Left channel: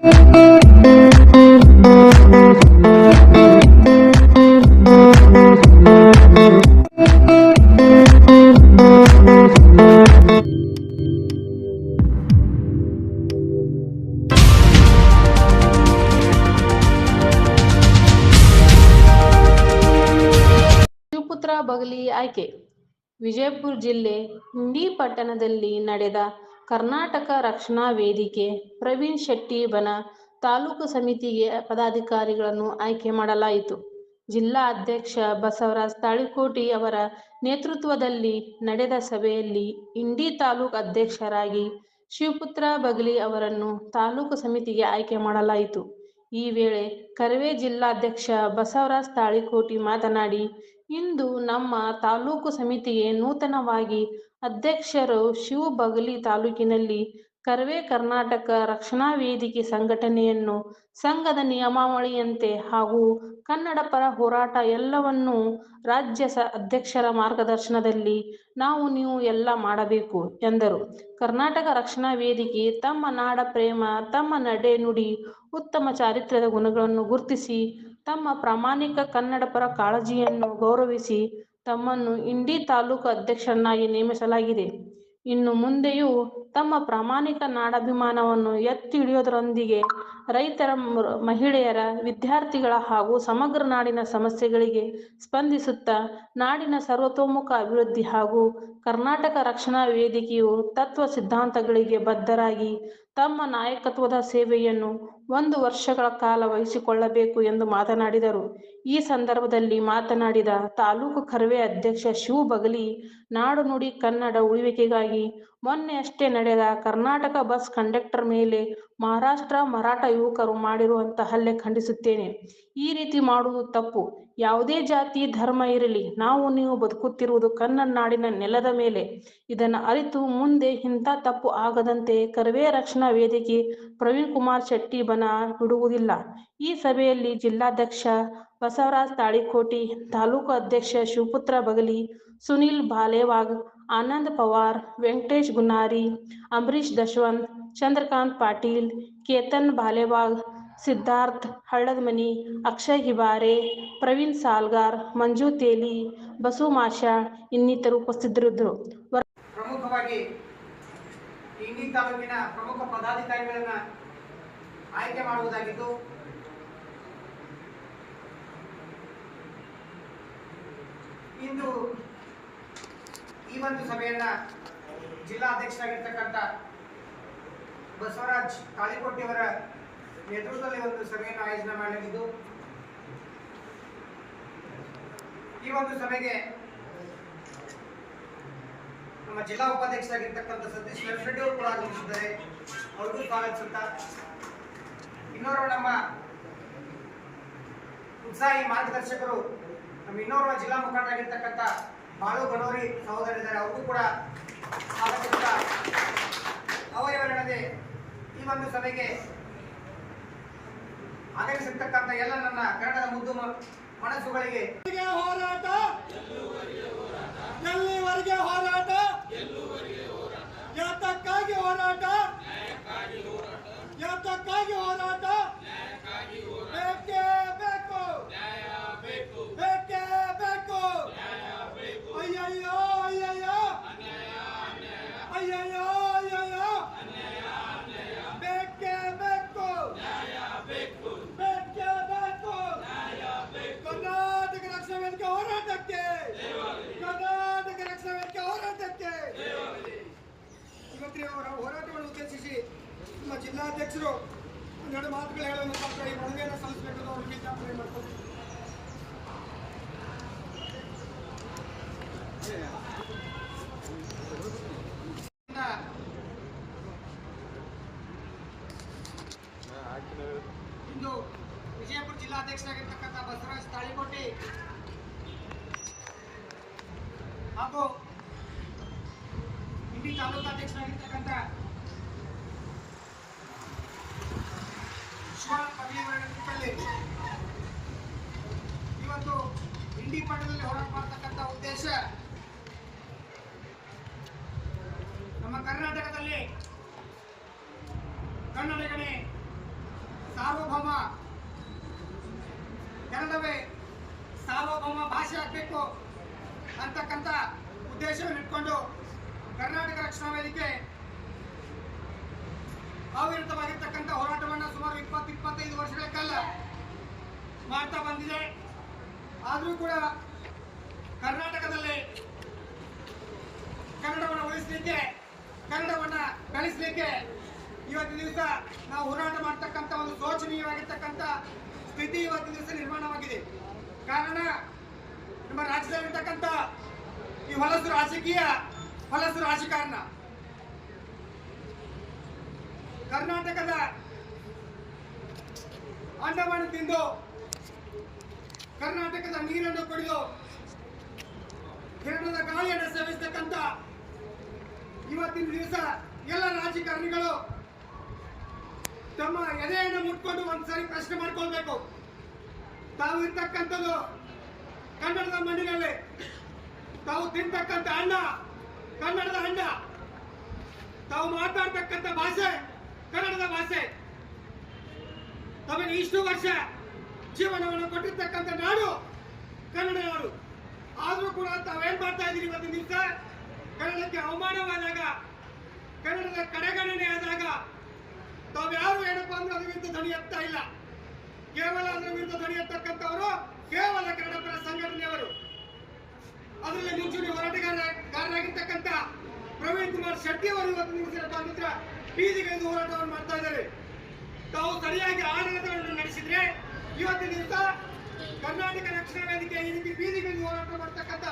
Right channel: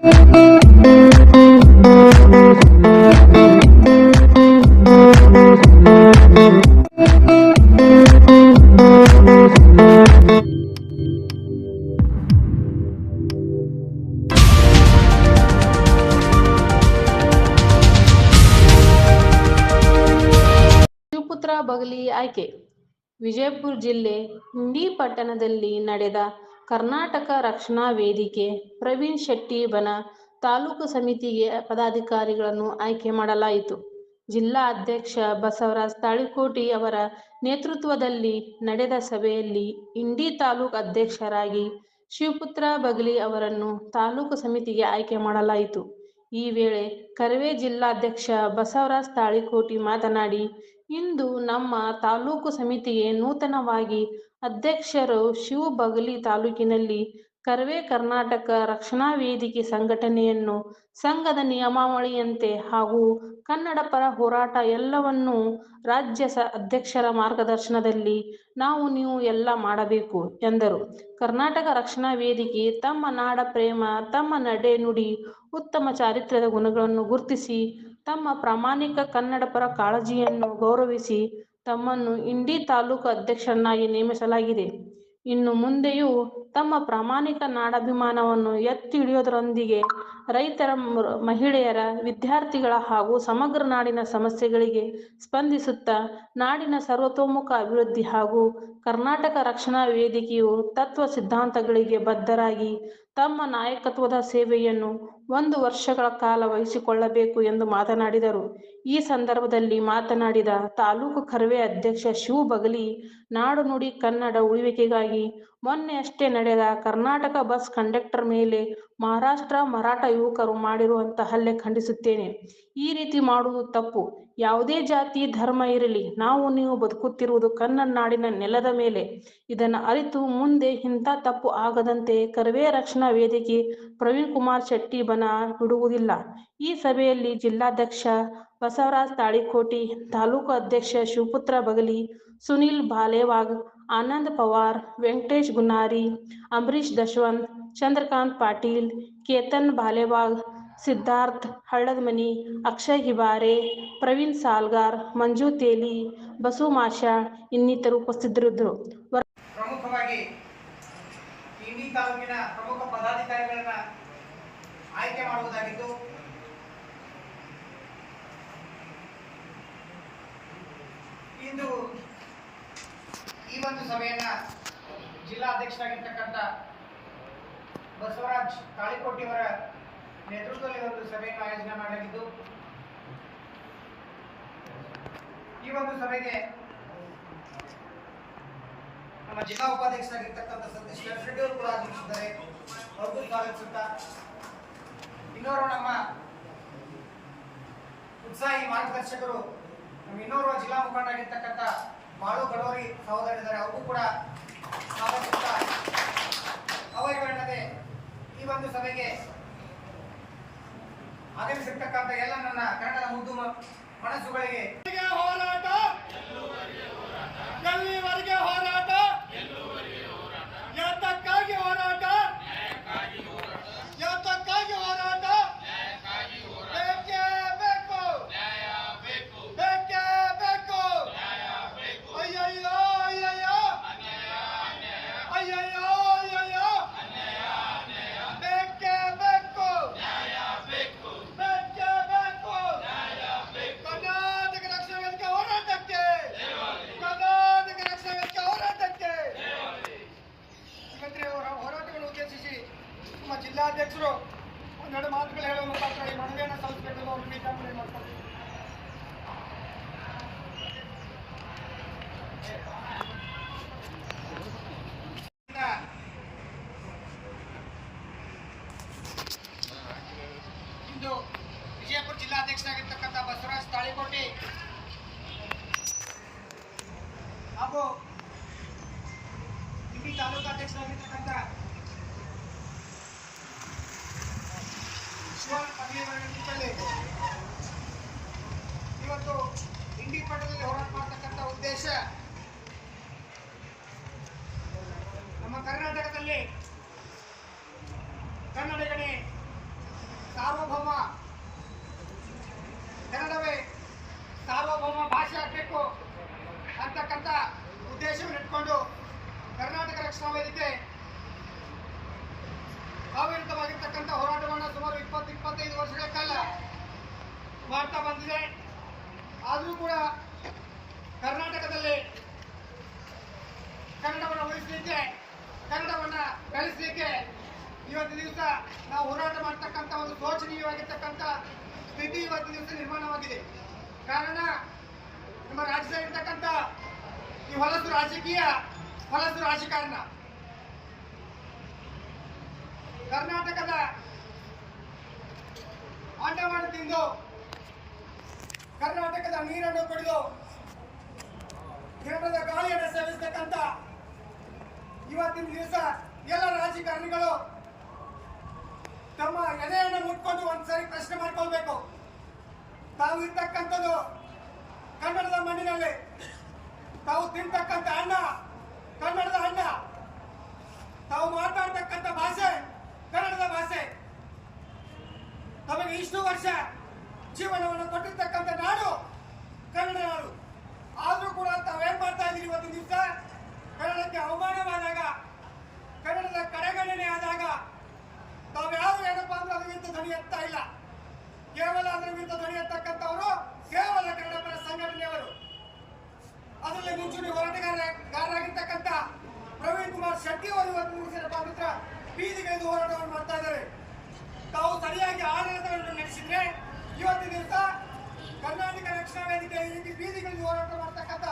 ಶಿವಪುತ್ರ ಬಗಲಿ ಆಯ್ಕೆ. ವಿಜಯಪುರ ಜಿಲ್ಲೆ ಇಂಡಿ ಪಟ್ಟಣದಲ್ಲಿ ನಡೆದ ಕರ್ನಾಟಕ ರಕ್ಷಣಾ ವೇದಿಕೆ ಪ್ರವೀಣ್ ಶೆಟ್ಟಿ ಬನ ತಾಲೂಕು ಸಮಿತಿಗೆ ಪದಾಧಿಕಾರಿಗಳನ್ನು ಆಯ್ಕೆ ಮಾಡಲಾಯಿತು. ಜಿಲ್ಲಾ ಅಧ್ಯಕ್ಷ ಬಸವರಾಜ ತಾಳಿಕೋಟಿ ಅವರ ನೇತೃತ್ವದಲ್ಲಿ ನಡೆದ ಸಭೆಯಲ್ಲಿ ಇಂಡಿ ತಾಲೂಕು ಅಧ್ಯಕ್ಷರಾಗಿ ಶಿವಪುತ್ರ ಬಗಲಿ ಅವರನ್ನು ತಾಲೂಕು ಸಮಿತಿಗೆ ಆಯ್ಕೆ ಮಾಡಲಾಯಿತು. ಈ ವೇಳೆ ಕರವೇ ಜಿಲ್ಲಾಧ್ಯಕ್ಷ ಬಸವರಾಜ ತಾಳಿಕೋಟಿ ಮಾತನಾಡಿ, ಇಂದು ನಮ್ಮ ತಾಲೂಕು ಸಮಿತಿಗೆ ನೂತನವಾಗಿ ಅಧ್ಯಕ್ಷರು ಶಿವ ಬಗಲಿ ತಾಲೂಕಿನಲ್ಲಿ ಕರವೇ ಕರ್ನಾಟಕ ರಕ್ಷಣಾ ವೇದಿಕೆ ಸಂಘಟನೆಯನ್ನು ಸಂಘದ ನಿಯಮಾವಳಿಯಂತೆ ಹಾಗೂ ಕನ್ನಡ ಪರ ಹೋರಾಟ ಎಲ್ಲವನ್ನೂ ರಾಜ್ಯ ಅಧ್ಯಕ್ಷರ ಮಾರ್ಗದರ್ಶನದಲ್ಲಿ ನಾವು ನೀವು ಎಲ್ಲ ಮಾಡಬೇಕು ಎಂದರು. ಕರ್ನಾಟಕ ರಕ್ಷಣಾ ವೇದಿಕೆ ತಮ್ಮ ನಾಡ ಪ್ರೇಮ, ತಮ್ಮ ನಡೆ ನುಡಿ, ಉತ್ತಮ ಚಾರಿತ್ರ್ಯದ ಗುಣಗಳನ್ನು ಗುರುತಿಸಿ ತಮ್ಮ ಪ್ರಾಮಾಣಿಕ ಕನ್ನಡ ಪರ ಕಾಳಜಿಯನ್ನು ಗೌರವಿಸಿ ತಮ್ಮನ್ನು ಇಂಡಿ ತಾಲೂಕು ಅಧ್ಯಕ್ಷರನ್ನಾಗಿ ನೇಮಿಸಲಾಗಿದೆ. ಇನ್ನು ಮುಂದೆಯೂ ತಮ್ಮ ಪ್ರಾಮಾಣಿಕ ನಾಡಾಭಿಮಾನವನ್ನು ಎತ್ತಿ ಹಿಡಿಯುವುದರೊಂದಿಗೆ ರೈತರ, ಮಹಿಳೆಯರ, ವಿದ್ಯಾರ್ಥಿಗಳ ಹಾಗೂ ಸಮಗ್ರ ನಾಡಿನ ಸಮಸ್ಯೆಗಳಿಗೆ ಸ್ಪಂದಿಸುತ್ತಾ ನಾಡಿನ ಸರ್ವತೋಮುಖ ಅಭಿವೃದ್ಧಿ ಹಾಗೂ ಕರ್ನಾಟಕ ರಕ್ಷಣಾ ವೇದಿಕೆಯು ತತ್ವ ಸಿದ್ಧಾಂತಗಳಿಗೆ ಬದ್ಧರಾಗಿ ತಮ್ಮ ನಾಯಕತ್ವದ ಸೇವೆಯನ್ನು 1 ವರ್ಷಗಳ ಕಾಲ ವಹಿಸಿಕೊಳ್ಳಬೇಕು ಎಂದು ಮಾತನಾಡಿದರು. ಈ ಸಂದರ್ಭದಲ್ಲಿ ಮಾತನಾಡಿದ ತಾಲೂಕು ಕರವೇ ಅಧ್ಯಕ್ಷ ಶಿವ ಬಗಲಿ, ನಾಡು ನುಡಿ ಕನ್ನಡ ಉಳಿವಿಕೆಗಾಗಿ ಮೊನ್ನೆಯಷ್ಟೇ ನಡೆದ ಕರ್ನಾಟಕ ಬಸ್ ಕಂಡಕ್ಟರ್ ಮೇಲೆ ಮಹಾರಾಷ್ಟ್ರ ಮರಾಠ ಯುವಕರು ಮಾಡಿರುವಂತಹ ಹಲ್ಲೆ ಖಂಡಿಸುತ್ತೇನೆ. ಈ ರೀತಿ ಮಾಡುವುದು ತಪ್ಪು. ಯಾವುದೇ ಜಾತಿ ಧರ್ಮ ಇರಲಿ, ನಾವು ನೀವು ಬದುಕುತ್ತಿರುವುದು ಕನ್ನಡ ನಾಡಿನ ನೆಲದ ಮೇಲೆ. ಇದನ್ನು ಅರಿತು ಮುಂದೆ ಇಂಥ ತಪ್ಪು ಆಗದಂತೆ ಕರವೇ ರಕ್ಷಣಾ ವೇದಿಕೆ ಪ್ರವೀಣ್ ಕುಮಾರ್ ಶೆಟ್ಟಿ ಬನ ಬಿಡುವುದಿಲ್ಲ. ಈ ಸಭೆಯಲ್ಲಿ ಜಿಲ್ಲಾಧ್ಯಕ್ಷ ಬಸವರಾಜ ತಾಳಿಕೋಟಿ, ತಾಲೂಕು ಅಧ್ಯಕ್ಷ ಶಿವಪುತ್ರ ಬಗಲಿ, ಸುನಿಲ್ ಬಾಲೇವಾಗ್, ಆನಂದ್ ಪವಾರ್, ವೆಂಕಟೇಶ್ ಗುನ್ನಾರಿ, ಅಂಬರೀಶ್ ದಶವಂತ್, ಚಂದ್ರಕಾಂತ್ ಪಾಟೀಲ್, ಕೇತನ್ ಬಾಲೇವಾಗ್, ಸಿದ್ಧಾರ್ಥ್ ಹಳ್ಳದಮನಿ, ಅಕ್ಷಯ್ ಹಿಬಾರೆ, ಪ್ರವೀಣ್ ಸಾಲ್ಗಾರ್, ಮಂಜು ತೇಲಿ, ಬಸು ಮಾಷಾಳ್ ಇನ್ನಿತರರು ಉಪಸ್ಥಿತರಿದ್ದರು. ಪ್ರಮುಖವಾಗಿ ಇಂಡಿ ತಾಲೂಕಿನ ಪ್ರಮುಖ ಪದಾಧಿಕಾರಿಗಳನ್ನ ಆಯ್ಕೆ ಮಾಡುವುದಾಗಿದ್ದು, ಇಂದು ಈ ಒಂದು ಸಭೆಯನ್ನ ಜಿಲ್ಲಾಧ್ಯಕ್ಷರಾಗಿರ್ತಕ್ಕಂಥ ಬಸವರಾಜ್ ತಾಳಿಕೋಟಿ ಅವರ ನೇತೃತ್ವದಲ್ಲಿ ಒಂದು ಸಭೆಯನ್ನು ಆಯೋಜನೆ ಮಾಡಲಾಗಿದ್ದು, ಈ ಒಂದು ಸಭೆಗೆ ನಮ್ಮ ಜಿಲ್ಲಾ ಉಪಾಧ್ಯಕ್ಷರಾಗಿರ್ತಕ್ಕಂಥ ಸತೀಶ್ ರೆಡ್ಡಿ ಅವರು ಕೂಡ ಆಗಮಿಸಿದ್ದಾರೆ. ಅವ್ರಿಗೂ ಸ್ವಾಗತಿಸುತ್ತಾ, ಇನ್ನೋರ್ವ ನಮ್ಮ ಉತ್ಸಾಹಿ ಮಾರ್ಗದರ್ಶಕರು, ನಮ್ಮ ಇನ್ನೋರ್ವ ಜಿಲ್ಲಾ ಮುಖಂಡರಾಗಿರ್ತಕ್ಕಂಥ ಬಾಳು ಗಣೋರಿ ಸಹೋದರಿದ್ದಾರೆ, ಅವ್ರಿಗೂ ಕೂಡ ಸ್ವಾಗತಿಸುತ್ತಾ, ಅವರಿವರಲ್ಲದೆ ಈ ಒಂದು ಸಭೆಗೆ ಆಗಮಿಸಿರ್ತಕ್ಕಂಥ ಎಲ್ಲ ನನ್ನ ಕನ್ನಡದ ಮುದ್ದು ಮನಸ್ಸುಗಳಿಗೆ ಹೋರಾಟ, ಎಲ್ಲಿವರೆಗೆ ಹೋರಾಟ, ಯಾತಕ್ಕಾಗಿ ಹೋರಾಟ, ಯಾತಕ್ಕಾಗಿ ಹೋರಾಟ, ಬೇಕೇ ಬೇಕು, ಬೇಕೇ ಬೇಕು. ಅಯ್ಯಯ್ಯೋ ಅಯ್ಯಯ್ಯೋ ಅಯ್ಯಯ್ಯೋ ಅಯ್ಯಯ್ಯೋ, ಬೇಕೇ ಬೇಕು, ಬೇಕೇ ಬೇಕು. ಕರ್ನಾಟಕ ರಕ್ಷಣಾ ವೇದಿಕೆ ಹೋರಾಟಕ್ಕೆ, ಕರ್ನಾಟಕ ರಕ್ಷಣಾ ವೇದಿಕೆ ಹೋರಾಟಕ್ಕೆ. ಮುಖ್ಯಮಂತ್ರಿ ಅವರ ಹೋರಾಟವನ್ನು ಉದ್ದೇಶಿಸಿ ನಮ್ಮ ಜಿಲ್ಲಾಧ್ಯಕ್ಷರು ಒಂದೆರಡು ಮಾತುಗಳು ಹೇಳುವ ಮುಖಾಂತರ ಈ ಮನವಿಯನ್ನು ಸಲ್ಲಿಸಬೇಕು ಅವರು ವಿಜ್ಞಾಪನೆ ಮಾಡ್ತಾರೆ. ಇಂದು ವಿಜಯಪುರ ಜಿಲ್ಲಾಧ್ಯಕ್ಷರಾಗಿರ್ತಕ್ಕಂಥ ಬಸವರಾಜ ತಾಳಿಕೋಟಿ ಹಾಗೂ ಇಂಡಿ ತಾಲೂಕಾಧ್ಯಕ್ಷರಾಗಿರ್ತಕ್ಕಂಥ ಶಿವ ಬಗಲಿ ಅವರ ನೇತೃತ್ವದಲ್ಲಿ ಇವತ್ತು ಇಂಡಿ ಪಟ್ಟಣದಲ್ಲಿ ಹೋರಾಟ ಮಾಡತಕ್ಕಂಥ ಉದ್ದೇಶ, ನಮ್ಮ ಕರ್ನಾಟಕದಲ್ಲಿ ಕನ್ನಡಿಗನೇ ಸಾರ್ವಭೌಮ ಕನ್ನಡವೇ ಸಾರ್ವಭೌಮ ಭಾಷೆ ಆಗಬೇಕು ಅಂತಕ್ಕಂಥ ಉದ್ದೇಶವನ್ನು ಇಟ್ಕೊಂಡು ಕರ್ನಾಟಕ ರಕ್ಷಣಾ ವೇದಿಕೆ ಅವಿರತವಾಗಿರ್ತಕ್ಕಂಥ ಹೋರಾಟವನ್ನು ಸುಮಾರು 20-25 ವರ್ಷಗಳ ಕಾಲ ಮಾಡ್ತಾ ಬಂದಿದೆ. ಆದರೂ ಕೂಡ ಕರ್ನಾಟಕದಲ್ಲಿ ಕನ್ನಡವನ್ನು ಉಳಿಸಲಿಕ್ಕೆ, ಕನ್ನಡವನ್ನು ಬೆಳೆಸಲಿಕ್ಕೆ ಇವತ್ತಿನ ದಿವಸ ನಾವು ಹೋರಾಟ ಮಾಡ್ತಕ್ಕಂಥ ಒಂದು ಶೋಚನೀಯವಾಗಿರ್ತಕ್ಕಂಥ ಸ್ಥಿತಿ ಇವತ್ತಿನ ದಿವಸ ನಿರ್ಮಾಣವಾಗಿದೆ. ಕಾರಣ ನಮ್ಮ ರಾಜ್ಯದಲ್ಲಿರ್ತಕ್ಕಂಥ ಈ ಹೊಲಸು ರಾಜಕೀಯ, ಹೊಲಸು ರಾಜಕಾರಣ, ಕರ್ನಾಟಕದ ಅನ್ನವನ್ನು ತಿಂದು, ಕರ್ನಾಟಕದ ನೀರನ್ನು ಕುಡಿದು, ಕೇರಳದ ಗಾಳಿಯನ್ನು ಸೇವಿಸತಕ್ಕಂಥ ಇವತ್ತಿನ ದಿವಸ ಎಲ್ಲ ರಾಜಕಾರಣಿಗಳು ತಮ್ಮ ಎದೆಯನ್ನು ಮುಟ್ಕೊಂಡು ಒಂದ್ಸರಿ ಪ್ರಶ್ನೆ ಮಾಡ್ಕೊಳ್ಬೇಕು. ತಾವು ಇರ್ತಕ್ಕಂಥದ್ದು ಕನ್ನಡದ ಮಣ್ಣಿನಲ್ಲಿ, ತಾವು ತಿಂತಕ್ಕಂಥ ಅನ್ನ ಕನ್ನಡದ ಅನ್ನ, ತಾವು ಮಾತಾಡ್ತಕ್ಕಂಥ ಭಾಷೆ ಕನ್ನಡದ ಭಾಷೆ, ತಮಗೆ ಇಷ್ಟು ವರ್ಷ ಜೀವನವನ್ನು ಕೊಟ್ಟಿರ್ತಕ್ಕಂಥ ನಾಡು ಕನ್ನಡ ನಾಡು. ಆದರೂ ಕೂಡ ತಾವೇನ್ ಮಾಡ್ತಾ ಇದ್ದೀರಿ ಇವತ್ತಿನ ದಿವಸ ಕನ್ನಡಕ್ಕೆ ಅವಮಾನವಾದಾಗ, ಕನ್ನಡದ ಕಡೆಗಣನೆ ಆದಾಗ ತಾವ್ಯಾರು ಏನಪ್ಪಾ ಅಂದ್ರೆ ಅದ್ರ ವಿರುದ್ಧ ಧ್ವನಿ ಎತ್ತಾ ಇಲ್ಲ. ಕೇವಲ ಅದರ ವಿರುದ್ಧ ಧ್ವನಿ ಎತ್ತಕ್ಕಂಥವರು ಕೇವಲ ಕನ್ನಡ ಪರ ಸಂಘಟನೆಯವರು. ಅದರಲ್ಲಿ ಮುಂಚೂಣಿ ಹೋರಾಟಗಾರರಾಗಿರ್ತಕ್ಕಂಥ ಪ್ರವೀಣ್ ಕುಮಾರ್ ಶೆಟ್ಟಿ ಅವರು ಇವತ್ತು ನಿಲ್ಲಿಸಿದ ಬೀದಿಗಿಳಿದು ಹೋರಾಟವನ್ನು ಮಾಡ್ತಾ ಇದ್ದಾರೆ. ತಾವು ಸರಿಯಾಗಿ ಆಡಳಿತವನ್ನು ನಡೆಸಿದ್ರೆ ಇವತ್ತಿನ ದಿವಸ ಕರ್ನಾಟಕ ರಕ್ಷಣಾ ವೇದಿಕೆ ಈ ರೀತಿ ಬೀದಿಗಿಳಿದು ಹೋರಾಟ ಮಾಡ್ತಕ್ಕಂಥ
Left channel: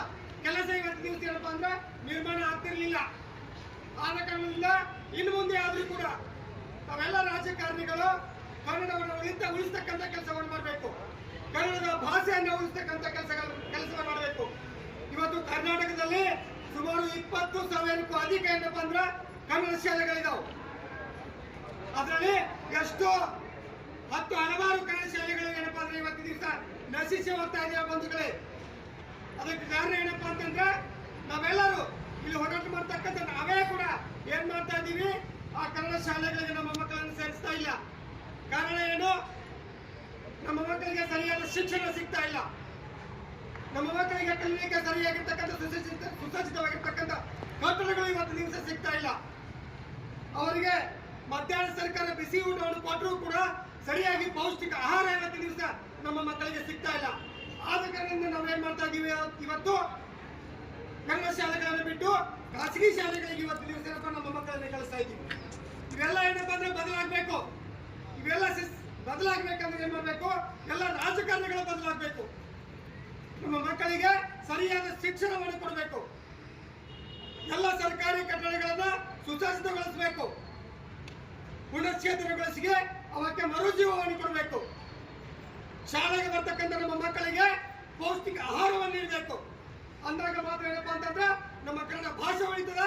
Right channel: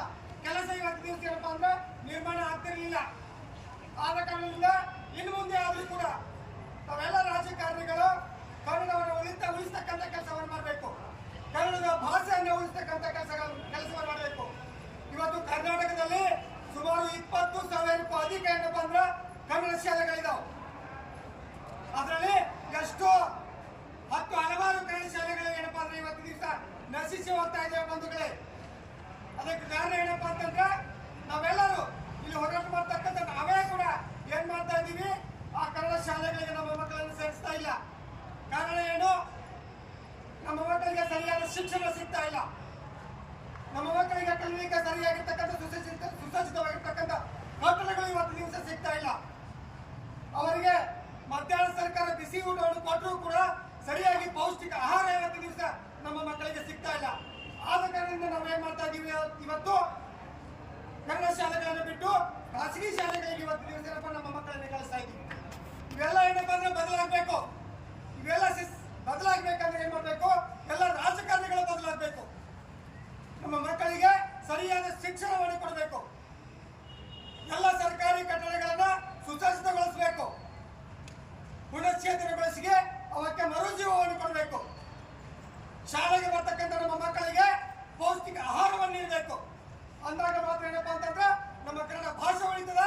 ಕೆಲಸ ಇವತ್ತಿನ ದಿವಸ ಏನಪ್ಪಾ ಅಂದ್ರೆ ನಿರ್ಮಾಣ ಆಗ್ತಿರ್ಲಿಲ್ಲ. ಆದ ಕಾರಣದಿಂದ ಇನ್ನು ಮುಂದೆ ಆದ್ರೂ ಕೂಡ ತಾವೆಲ್ಲ ರಾಜಕಾರಣಿಗಳು ಕನ್ನಡವನ್ನು ಉಳಿಸ್ತಕ್ಕಂಥ ಕೆಲಸವನ್ನು ಮಾಡಬೇಕು, ಕನ್ನಡದ ಭಾಷೆಯನ್ನು ಉಳಿಸ್ತಕ್ಕಂಥ ಕೆಲಸವನ್ನು ಮಾಡಬೇಕು. ಇವತ್ತು ಕರ್ನಾಟಕದಲ್ಲಿ ಸುಮಾರು 20,000ಕ್ಕೂ ಅಧಿಕ ಏನಪ್ಪಾ ಅಂದ್ರೆ ಕನ್ನಡ ಶಾಲೆಗಳಿದಾವೆ. ಅದರಲ್ಲಿ ಎಷ್ಟೋ ಹಲವಾರು ಕನ್ನಡ ಶಾಲೆಗಳು ಏನಪ್ಪಾ ಅಂದ್ರೆ ಇವತ್ತಿನ ದಿವಸ ನಶಿಸಿ ಹೋಗ್ತಾ ಇದೆಯಾ ಬಂಧುಗಳೇ. ಅದಕ್ಕೆ ಕಾರಣ ಏನಪ್ಪಾ ಅಂತಂದ್ರೆ ನಾವೆಲ್ಲರೂ ಇಲ್ಲಿ ಹೋರಾಟ ಮಾಡ್ತಕ್ಕಂಥ ನಾವೇ ಕೂಡ ಏನ್ ಮಾಡ್ತಾ ಇದ್ದೀವಿ, ಆ ಕನ್ನಡ ಶಾಲೆಗಳಿಗೆ ನಮ್ಮ ಮಕ್ಕಳನ್ನು ಸೇರಿಸ್ತಾ ಇಲ್ಲ. ಕಾರಣ ಏನು? ನಮ್ಮ ಮಕ್ಕಳಿಗೆ ಸರಿಯಾದ ಶಿಕ್ಷಣ ಸಿಗ್ತಾ ಇಲ್ಲ. ನಮ್ಮ ಮಕ್ಕಳಿಗೆ ಕಲಿಯಲಿಕ್ಕೆ ಸರಿಯಾಗಿರ್ತಕ್ಕಂಥ ಸುಸಜ್ಜಿತವಾಗಿರ್ತಕ್ಕಂಥ ಕಟ್ಟಡಗಳು ಇವತ್ತು ದಿವಸ ಸಿಗ್ತಾ ಇಲ್ಲ. ಅವರಿಗೆ ಮಧ್ಯಾಹ್ನ ಸರ್ಕಾರ ಬಿಸಿ ಊಟವನ್ನು ಕೊಟ್ಟರೂ ಕೂಡ ಸರಿಯಾಗಿ ಪೌಷ್ಟಿಕ ಆಹಾರ ಇವತ್ತು ದಿವಸ ನಮ್ಮ ಮಕ್ಕಳಿಗೆ ಸಿಗ್ತಾ ಇಲ್ಲ. ಆದ ಕಾರಣದಿಂದ ನಾವೇನ್ ಮಾಡ್ತಾ ಇದ್ದೀವಿ, ಇವತ್ತು ಕನ್ನಡ ಶಾಲೆಗಳನ್ನು ಬಿಟ್ಟು ಖಾಸಗಿ ಶಾಲೆಗಳಿಗೆ ಇವತ್ತು ದಿವಸ ನಮ್ಮ ಮಕ್ಕಳನ್ನ ಕಳಿಸ್ತಾ ಇದ್ದೀವಿ. ಇವೆಲ್ಲ ಏನಪ್ಪಾ ಅಂದ್ರೆ ಬದಲಾಗಬೇಕು. ಇವೆಲ್ಲ ಬದಲಾಗಬೇಕಂದ್ರೆ ಏನ್ ಮಾಡಬೇಕು, ಎಲ್ಲ ರಾಜಕಾರಣಿಗಳು ಬದಲಾಗಬೇಕು. ನಮ್ಮ ಮಕ್ಕಳಿಗೆ ಸರಿಯಾದ ಶಿಕ್ಷಣವನ್ನು ಕೊಡಬೇಕು. ಎಲ್ಲ ಸರ್ಕಾರಿ ಕಟ್ಟಡಗಳನ್ನ ಸುಸಜ್ಜಿತಗೊಳಿಸಬೇಕು. ಪುನಶ್ಚೇತನಗೊಳಿಸಿ ಅವಕ್ಕೆ ಮರುಜೀವವನ್ನು ಕೊಡಬೇಕು. ಶಾಲೆಗೆ ಬರ್ತಕ್ಕಂಥ ನಮ್ಮ ಮಕ್ಕಳಿಗೆ ಪೌಷ್ಟಿಕ ಆಹಾರವನ್ನು ನೀಡಬೇಕು. ಅಂದಾಗ ಮಾತ್ರ ಏನಪ್ಪಾ ಅಂತಂದ್ರೆ ನಮ್ಮ ಕನ್ನಡ ಭಾಷೆ ಉಳಿತದ,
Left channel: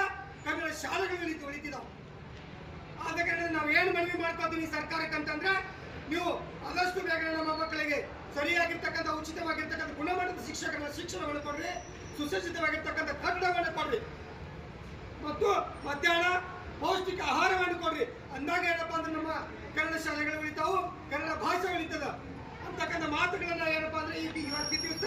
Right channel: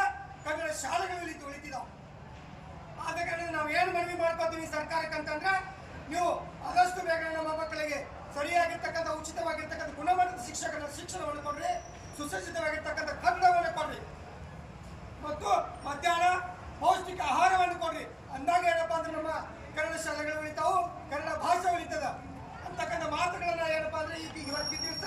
ಕನ್ನಡ ಶಾಲೆಗಳು ಉಳಿತಿದಾವೆ. ಆದ ಕಾರಣ ನಾವು ಏನು ಮನವಿ ಮಾಡ್ಕೋತೀವಿ ಸರ್ಕಾರಕ್ಕೆ ಅಂತಂದ್ರೆ, ನೀವು ಆದಷ್ಟು ಬೇಗ ನಮ್ಮ ಮಕ್ಕಳಿಗೆ ಸರಿಯಾಗಿರ್ತಕ್ಕಂಥ ಉಚಿತವಾಗಿರ್ತಕ್ಕಂಥ ಗುಣಮಟ್ಟದ ಶಿಕ್ಷಣವನ್ನು ಕೊಡ್ರಿ, ಸುಸಜ್ಜಿತವಾಗಿರ್ತಕ್ಕಂಥ ಕನ್ನಡವನ್ನು ಕೊಡ್ರಿ, ಮತ್ತು ಮಧ್ಯಾಹ್ನ ಪೌಷ್ಟಿಕ ಆಹಾರವನ್ನು ಕೊಡ್ರಿ. ಅಂದಾಗ ಏನಪ್ಪಾ ಅಂದ್ರೆ ನಮ್ಮ ಕನ್ನಡ ಶಾಲೆಗಳು ಉಳಿತಾವು, ಕನ್ನಡ ಭಾಷೆ ಉಳಿತದ ಅಂತಕ್ಕಂಥ ಮಾತುಗಳನ್ನ ಏನಪ್ಪಾ ಅಂದ್ರೆ ಇವತ್ತಿನ ದಿವಸ